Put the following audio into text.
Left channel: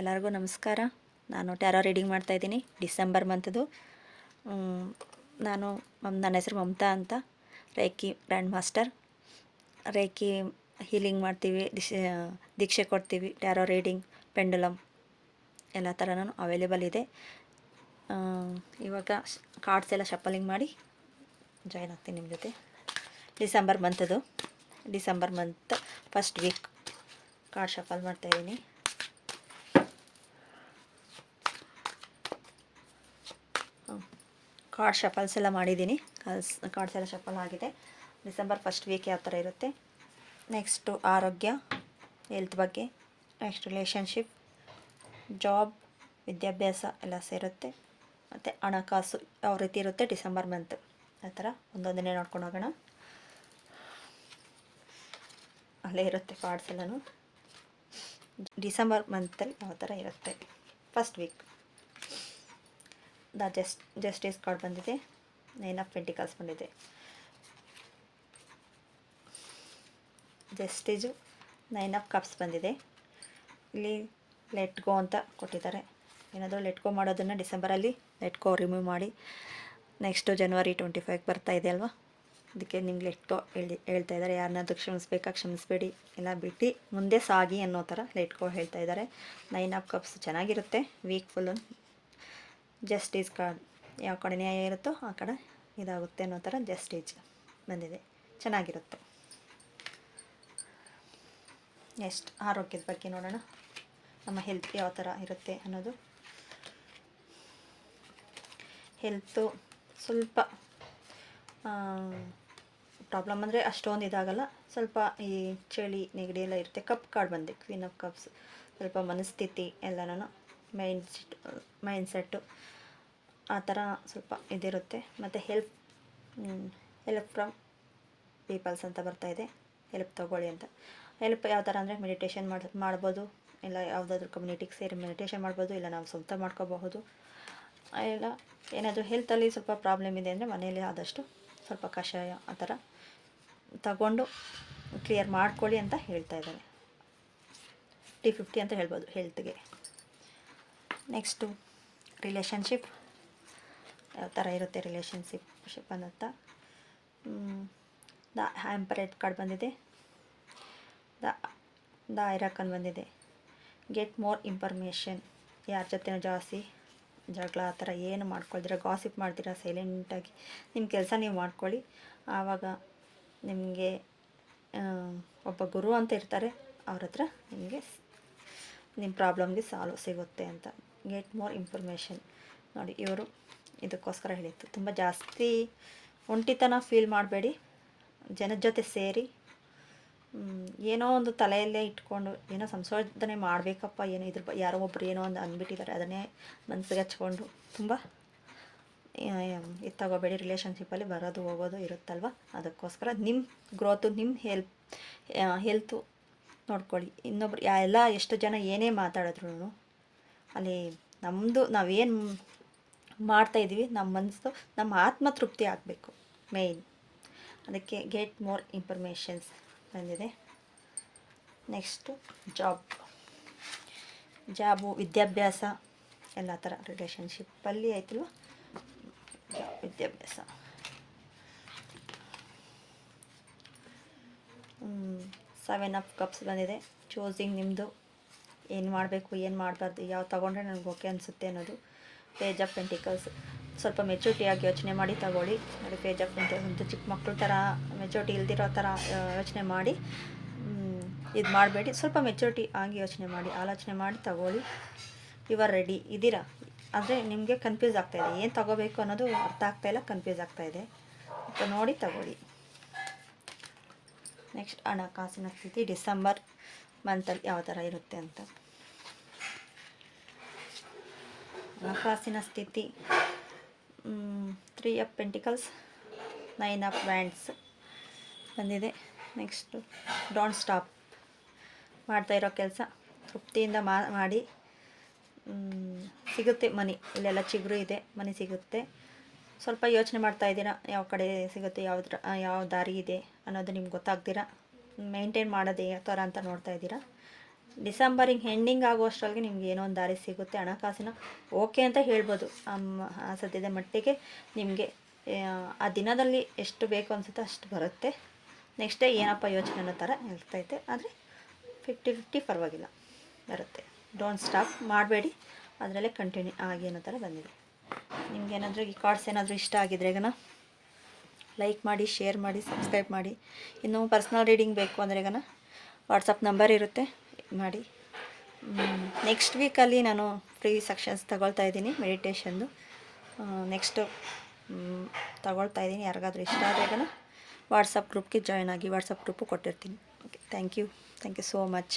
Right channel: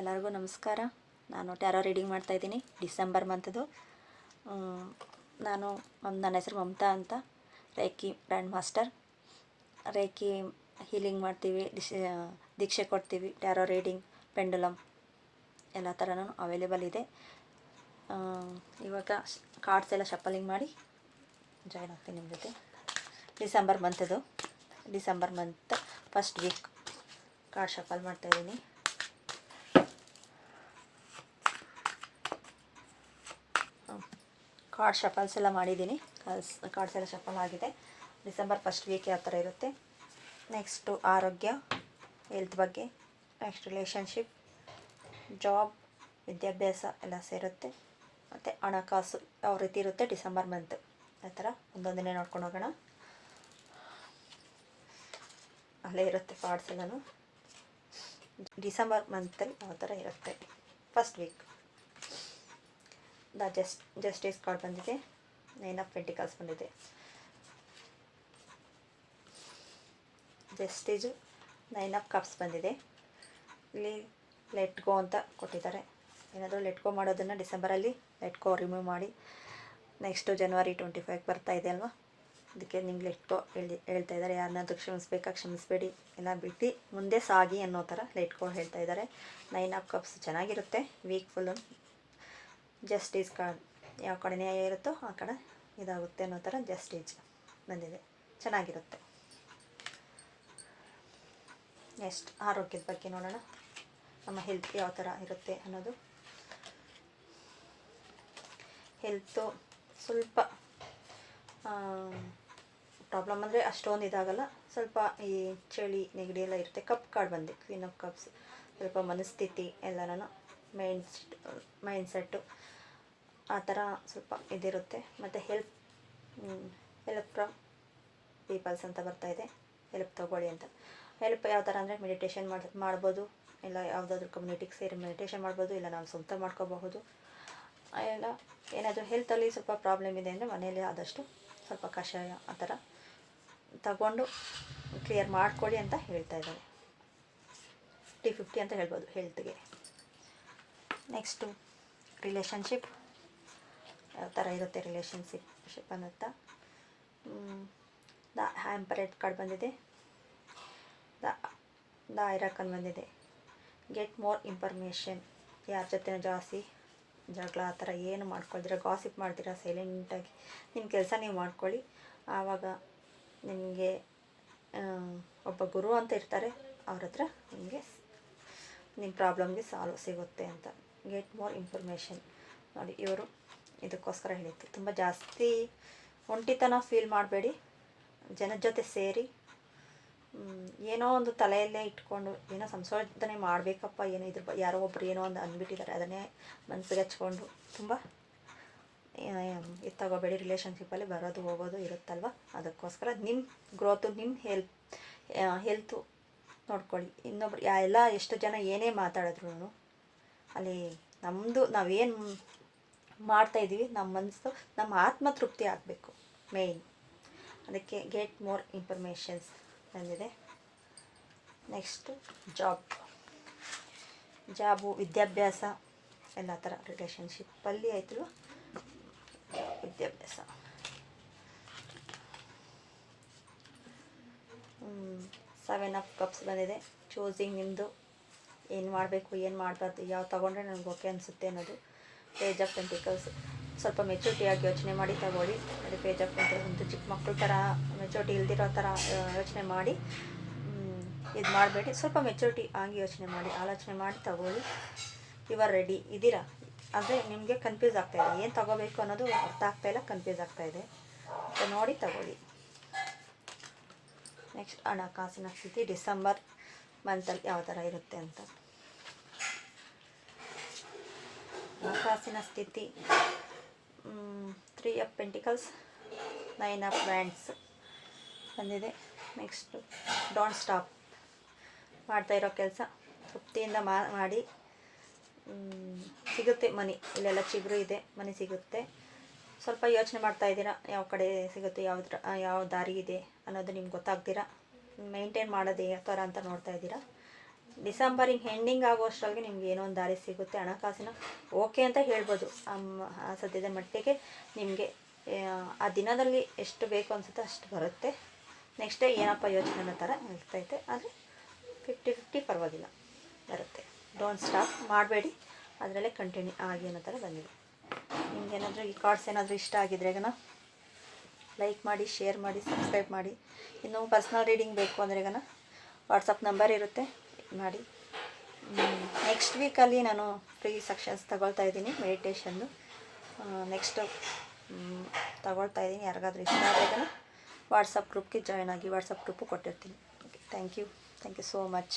ಎಲ್ಲರಿಗೂ ನಮಸ್ಕಾರ. ನಾನು ಟ್ಯಾರೋ ರೀಡಿಂಗ್ ಮಾಡ್ತಾಯಿದ್ದೀನಿ ಡಿಸೆಂಬರ್ ಮಂತ್ದು. ನನ್ನ ಹೆಸರು ಮಮತಾ ಅಂತ, reiki grand master. Reiki healing ಮಾಡ್ತೀವಿ, ದೀಕ್ಷೆ ಕೊಡ್ತೀವಿ, ಟ್ಯಾರೋ ರೀಡಿಂಗ್, ಪೆಂಡುಲಮ್ ಎಲ್ಲ ಥರನೂ ಅವೈಲೇಬಲ್ ಇದೆ. ಇವಾಗ ಕಾರ್ಡ್ಸ್ ಎಲ್ಲ ಶಫಲಿಂಗ್ ಮಾಡಿ ಜಾಯ್ನ್ ಆಗ್ತೀನಿ ನಿಮ್ಮ ಜೊತೆ. December month first week card shuffle ಮಾಡ್ತಾಯಿದ್ದೀನಿ. ಕಾರ್ಡ್ ಶಫಲ್ಸ್ ಎಲ್ಲ ಮಾಡಿದ್ದೀನಿ. ಕಾರ್ಡ್ಸ್ ಎಲ್ಲ ಶಫಲ್ ಆಗಿದೆ. ಡಿಸೆಂಬರ್ ಫಸ್ಟ್ ವೀಕ್ ಯಾವ ಥರ ಇರುತ್ತೆ, ನೆಕ್ಸ್ಟು ಆರೋಗ್ಯ, ಹೆಲ್ತ್ ಬಗ್ಗೆ, ನೆಕ್ಸ್ಟ್ ರಿಲೇಷನ್ಶಿಪ್, ಜಾಬ್, ವಿದ್ಯಾಭ್ಯಾಸ ಎಲ್ಲ ಸೇರುತ್ತೆ. ಮತ್ತು ಹಣಕಾಸು ಯಾವ ರೀತಿ ಇರುತ್ತೆ ಡಿಸೆಂಬರ್ ಮಂತ್, ಆ ಥರ ಒಂದೊಂದನ್ನೇ ನೋಡ್ಕೊಂಡು ಹೋಗೋಣ. ಅಲ್ಲೇ ಇರುತ್ತೆ ಕಾರ್ಡ್ಸ್ ಎಲ್ಲನೂ. ಡಿಸೆಂಬರ್ ಮಂತಲ್ಲಿ ಯಾವ ಥರ ಇರುತ್ತೆ ಫಸ್ಟ್ ವೀಕ್. ಜಸ್ಟಿಸ್ ಕಾರ್ಡ್ ಬಂದಿದೆ, 9 ಆಫ್ ಪೆಂಟಿಕಲ್ಸ್ ಬಂದಿದೆ. ಜಸ್ಟಿಸು 9 ಆಫ್ ಕಪ್ಸ್ ಬಂದಿದೆ. ಇಲ್ಲಿ ಲೆಟ್ ಗೋ ಅಂತ ಕೊಟ್ಟಿದ್ದಾರೆ. ಏನಾದರೂ ಲೆಟ್ ಗೋ ಮಾಡೋದನ್ನು ಡಿಸೆಂಬರಲ್ಲಿ ಲೆಟ್ ಗೋ ರಿಮೂವ್ ಮಾಡಿ. ನೆಕ್ಸ್ಟು ಜನವರಿ 25 ಬರ್ತಾ ಇದೆ ಅಲ್ವಾ, ಅದಕ್ಕೆ ನಿಮ್ಗೆ ಲೆಟ್ ಗೋ ಹೇಳ್ತಾ ಇದ್ದಾರೆ. ಯಾರನ್ನಾದ್ರೂ ಕ್ಷಮಿಸಬೇಡಿ, ಎಲ್ಲ ಬಿಟ್ಟು ಮುಂದೆ ಸಾಗಿ ಅನ್ನೋ ಥರ ಲೆಟ್ ಗೋ ಹೇಳ್ತಾ ಇದ್ದಾರೆ. 9 ಆಫ್ ಕಪ್ಸ್ ಚೆನ್ನಾಗಿರುತ್ತೆ ವೀಕ್ ಫುಲ್ಲು. ಜಸ್ಟಿಸ್ ಕಾರ್ಡ್ ಯಾವ ಕಡೆ ನ್ಯಾಯ ಇರುತ್ತೋ ಆ ಕಡೆ ಇದಾಗುತ್ತೆ ಅನ್ನೋ ಥರ ಜಸ್ಟಿಸ್ ಬಂದಿದೆ, ಚೆನ್ನಾಗಿರುತ್ತೆ. ನೆಕ್ಸ್ಟ್ ಆರೋಗ್ಯದ ಬಗ್ಗೆ ನೋಡೋಣ, ನಮ್ಮ ಹೆಲ್ತ್ ಯಾವ ಥರ ಇರುತ್ತೆ ಅನ್ನೋದು. ಹೆಲ್ತು ಸ್ವಲ್ಪ ಪ್ರಾಬ್ಲಮ್ ಅಂದರೆ ಅಷ್ಟೊಂದು ಇದಾಗಲ್ಲ, ಸ್ವಲ್ಪ ಈ ಚಳಿ ನೆಗಡಿ ಎಲ್ಲ ಇರುತ್ತೆ. ಕಪ್ ಕಾರ್ಡ್ ಬಂದಿದೆ, ಕ್ವೀನ್ ಆಫ್ ಕಪ್ಸ್. ಸ್ವಲ್ಪ ಮನಸ್ಥಿತಿ ಎಲ್ಲನೂ ಮೈಂಡ್ಸೆಟ್ಟು ಆ ಥರ ಸ್ವಲ್ಪ ಇದಿರುತ್ತೆ. ಮತ್ತು ಹೆಲ್ಪ್ ಫ್ರಮ್ ಪೀಪಲ್ಸ್ ಅಂತ ಬರ್ತಾಯಿದೆ, ಹೆಲ್ಪ್ ತೊಗೊಳ್ಳಿ ಅಂತ. ಹೆಲ್ಪ್ ಯಾವ ಥರ ಅಂದರೆ ಮೆಡಿಟೇಷನ್ ಮಾಡ್ಬೋದು, ಇಲ್ಲ ಯಾವುದಾದ್ರೂ ಕಮ್ಯುನಿಟಿಗೆ ಸೇರಿ ಮೆಡಿಟೇಷನ್ ಮಾಡ್ಬೋದು, ಇಲ್ಲ ನಾವು ಸ್ವಂತ ಮಾಡ್ಕೋಬಹುದು. ಎಲ್ಲ ಏನಾದರೂ ಹೆಲ್ತಲ್ಲಿ ಸ್ವಲ್ಪ ಪ್ರಾಬ್ಲಮ್ ಇದೆ ಅಂದರೆ ಮನೆಯಲ್ಲಿ ಆದಷ್ಟು ಸ್ವಲ್ಪ ಕಷಾಯ ಆ ಥರ ತಗೊಂಡು ಕ್ಲಿಯರ್ ಮಾಡ್ಕೊಳ್ಳಿ ಅಂತ ಹೇಳ್ತಾ ಇದ್ದಾರೆ. 50-50 ಅಂತ ಹೇಳ್ಬೋದು ಹೆಲ್ತ್ಗೆ. ನೆಕ್ಸ್ಟು ರಿಲೇಷನ್ಶಿಪ್ ಯಾವ ಥರ ಇರುತ್ತೆ ರಿಲೇಷನ್ಶಿಪ್ ಅಂತ. ದ ಹ್ಯಾಂಪರೇಟ್ ಕಾರ್ಡ್ ಬಂದಿದೆ, ದ ಐರಾಕನ್ ಬಂದಿದೆ. ಗೆಟ್ ಮೋರ್ ಇನ್ಫಾರ್ಮೇಷನ್, ಯಾರ ಜೊತೆ ಜಾಸ್ತಿ ಜಗಳ ಆ ಥರ ಏನು ಮಾಡ್ಕೊಳ್ತೀರ, ಗಾಸಿಪ್ ಮಾಡ್ತೀರಾ, ಸೈಲೆಂಟಾಗಿ ನಿಮ್ಮ ಕೆಲಸ ನೀವು ಮಾಡ್ಕೊಳ್ಳಿ. ಆವಾಗ ನಿಮಗೆ ಒಬ್ಬ ಗುರು ಅಂತ ಇರ್ತಾರೆ, ಅವ್ರ ಹತ್ರ ನಿಮಗೆ ನಿಮ್ಮ ಪ್ರಾಬ್ಲಮ್ಗೆ ಸಾಲ್ವ್ ಸಿಗುತ್ತೆ ಅಂತ. ಗೆಟ್ ಮೋರ್ ಇನ್ಫಾರ್ಮೇಷನ್ ನೋಡಿ, ಇವರು ಇದಕ್ಕೋಸ್ಕರ ಹೇಳಿತ್ತು. ತುಂಬ ಜಾಸ್ತಿ ಒಂಟಿತನ ಫೀಲ್ ಮಾಡಬೇಡಿ, ಜನದ ಜೊತೆ ಸೇರಿ. ಏನೋ ಒಂದು ತಲೆಯಲ್ಲೇ ಇಟ್ಕೊಂಡು ಏನೋ ಸಂಶೋಧನೆ ಮಾಡಬೇಕಪ್ಪ, ಏನೋ ಯಾರೋ ಒಬ್ಬರು ಏನೋ ಒಂದು ಅಂದ್ಬಿಟ್ಟಿದ್ದಾರೆ, ಅದನ್ನೇ ಮನಸ್ಸಿಗೆ ಹಚ್ಕೊಂಡು ತುಂಬ ಇದು ತಗೋಬೇಡಿ. ರಿಲೇಷನ್ಶಿಪ್ಪಲ್ಲಿ ಬರೋದು ಹೋಗೋದು ಇರುತ್ತಲ್ವ, ಅದಕ್ಕೋಸ್ಕರ ನಿಮ್ಮ ಗ್ರೋತು, ನಿಮ್ಮ ಹೆಲ್ತು ನೋಡ್ಕೊಳ್ಳಿ. ಇನ್ನೊಬ್ರು ಎಲ್ಲ ಎಷ್ಟು ಜನ ಏನೇ ಮಾತಾಡಿದ್ರು ಅಲ್ಲಿ ನಾವೇನು ಮಾಡ್ತಾಯಿದ್ದೀವಿ, ನಮ್ಮ ಮನಸ್ಸು, ನಮ್ಮ ಆತ್ಮ ತೃಪ್ತಿ ಆಗಬೇಕು ಮೇಯ್ನ್. ಅದಕ್ಕೆ ಗೆಟ್ ಮೋರ್ ಇನ್ಫಾರ್ಮೇಷನ್ಸ್ ಬಂದಿದೆ. ನೆಕ್ಸ್ಟು ಜಾಬು, ವಿದ್ಯಾಭ್ಯಾಸ ಎಲ್ಲ ಥರ ರಿಲೇಷನ್ಶಿಪ್ಪಲ್ಲಿ ಆಯ್ತಲ್ವ, ವಿದ್ಯಾಭ್ಯಾಸ. 7 ಆಫ್ ಕಪ್ಸ್ ಬಂದಿದೆ. ಚೂಸಿಂಗ್ ನಿಮ್ಮದು, ಏನು ಮಾಡಬೇಕು ಏನು ಮಾಡಬಾರ್ದು, ಯಾವ ತೊಗೊಂಡ್ರೆ ನನಗೆ ಓಕೆ ಅನಿಸುತ್ತೆ ಅನ್ನೋದು. ಪೇಜ್ ಆಫ್ ಪೆಂಟಿಕಲ್ಸ್, ಸ್ವಲ್ಪ ಮೆಚುರಿಟಿಯಾಗಿ ಯೋಚನೆ ಮಾಡಿ ತಗೊಳ್ಳಿ. ನೋಡಿ, ಪೇಜ್ ಆಫ್ ಪೆಂಟಿಕಲ್ಸ್ ಚಿಕ್ಕ ಮಕ್ಕಳ ಥರ ಮೆಚುರಿಟಿ ಇಲ್ದಿರೋ ಥರ ಯೋಚನೆ ಮಾಡಿ ಇದು ಮಾಡಬೇಡಿ. ಸ್ವಲ್ಪ ಮೆಚುರಿಟಿ ಆಗಿ ಯೋಚನೆ ಮಾಡಿ, ಆಲೋಚನೆ ಮಾಡಿ ತಗೊಳ್ಳಿ. ಇವಾಗ ರೆಡಿ ಇದ್ದೀರಾ ಅಂದರೆ ನಿಮಗೆ ಕನ್ಫ್ಯೂಸ್ ಆಗ್ತಾಯಿದೆ, ಏನು ತೊಗೋಬೇಕು ಅನ್ನೋದು ಅರ್ಥ ಆಗ್ತಾಯಿಲ್ಲ, ಕನ್ಫ್ಯೂಸ್ ಆಗ್ತಾಯಿದೆ, ನೋಡಿ ತಗೊಳ್ಳಿ. ನೆಕ್ಸ್ಟ್ ಹಣಕಾಸಿನ ಸ್ಥಿತಿ ಡಿಸೆಂಬರ್ ಮಂತಲ್ಲಿ ಯಾವ ಥರ ಇರುತ್ತೆ ಅಂತ. ಹಣಕಾಸಿನ ಸ್ಥಿತಿ 3 ಆಫ್ ಪೆಂಟಿಕಲ್ಸ್, 9 ಆಫ್ ವ್ಯಾಂಡ್ಸ್ ಬಂದಿದೆ. ನೆಕ್ಸ್ಟು ಡೋಂಟ್ ಸ್ಟಾಪ್, ಮಾಡ್ತಾಯಿರೋ ಕೆಲಸ ತೃಪ್ತಿಯಿಂದ ಮಾಡಿ. ಸಿಗುತ್ತೆ ಮನಿ, ಇಲ್ಲೆಲ್ಲ ಚಿಗುರು ಇದೆ, ಮನಿ ಸಿಗುತ್ತೆ. ಸ್ವಲ್ಪ ಯೋಚನೆ ಮಾಡ್ತಾಯಿದ್ದೀರಾ, ಯಾವ ಕಡೆ ಸಿಗುತ್ತೆ, ಯಾವ ದಾರಿ ಇದೆ ಅನ್ನೋದು ನಿಮ್ಗೆ ಗೊತ್ತಾಗ್ತೀರಾ. ಮೇಂಟೈನ್ ಮಾಡೋದು ಯಾವ ಥರ ಅಂತ ನೋಡ್ತಾಯಿದ್ದೀರಾ. ಡಿಸೆಂಬರ್ ಹಿಂಗೆ ಎಂಡಿಂಗ್ ಆಗುವಷ್ಟರೊಳಗೆ ನಿಮ್ಗೆ ಏನೋ ಒಂದು ದಾರಿ ಸಿಗುತ್ತೆ. ಹಣಕಾಸಿನ ಓಕೆ ಅಂತ ಹೇಳ್ಬೋದು. ಸದ್ಯದ ಮಟ್ಟಿಗೆ ನಿಮಗೆ ಆ ದಿನದಲ್ಲಿ ಎಷ್ಟು ಬೇಕು ಅನಿಸುತ್ತೋ ಅಷ್ಟು ಬರುತ್ತೆ. ನೆಕ್ಸ್ಟ್ ಡೇ ಏನಪ್ಪ ಯೋಚನೆ ಅನ್ನೋ ಥರ ಇರ್ತೈತೆ. ಆದರೆ 50-50 ಪರವಾಗಿಲ್ಲ ಬರುತ್ತೆ. ಡೋಂಟ್ ಸ್ಟಾಪ್ ಮಾಡಬೇಡಿ, ಅದರಲ್ಲೇ ಕಂಟಿನ್ಯೂ ಆಗಿ ಅನ್ನೋ ಥರ ಬಂದಿದೆ. ನಿಮ್ಗೇನಾದರೂ ಈ ಕಾರ್ಡ್ಸ್ ಏನಾದರೂ ಇಷ್ಟ ಆಗಿದ್ರೆ ಈಗ ಲೈಕ್ ಮಾಡಿ, ಶೇರ್ ಮಾಡಿ, ಸಬ್ಸ್ಕ್ರೈಬ್ ಮಾಡಿ. ಇನ್ನೂ ಪರ್ಸ್ನಲ್ ರೀಡಿಂಗ್ ಬೇಕು ಅಂದರೆ ಈಗ ವಾಟ್ಸಪ್ ನಂಬರ್ ಇರುತ್ತೆ, ಮಾಡಿ. ನೆಕ್ಸ್ಟ್ ವೀಕಲ್ಲಿ ನಾನು ಫ್ರೀ ಸೆಕ್ಷನ್ಸ್ ತಗೊಳ್ತಾ ಇದ್ದೀನಿ, ಮೆಡಿಟೇಷನ್ದು ನೆಕ್ಸ್ಟು ತಗೊಳ್ತಾ ಇದ್ದೀನಿ. ಯಾರಿಗಾದ್ರೂ ಇಷ್ಟ ಆದರೆ ವಾಟ್ಸಪ್ ಗ್ರೂಪ್ಗೆ ಜಾಯ್ನ್ ಆಗಿ, ವಾಟ್ಸಪ್ ಗ್ರೂಪು ಕೊಟ್ಟಿರ್ತೀನಿ. Okay, thank you so much.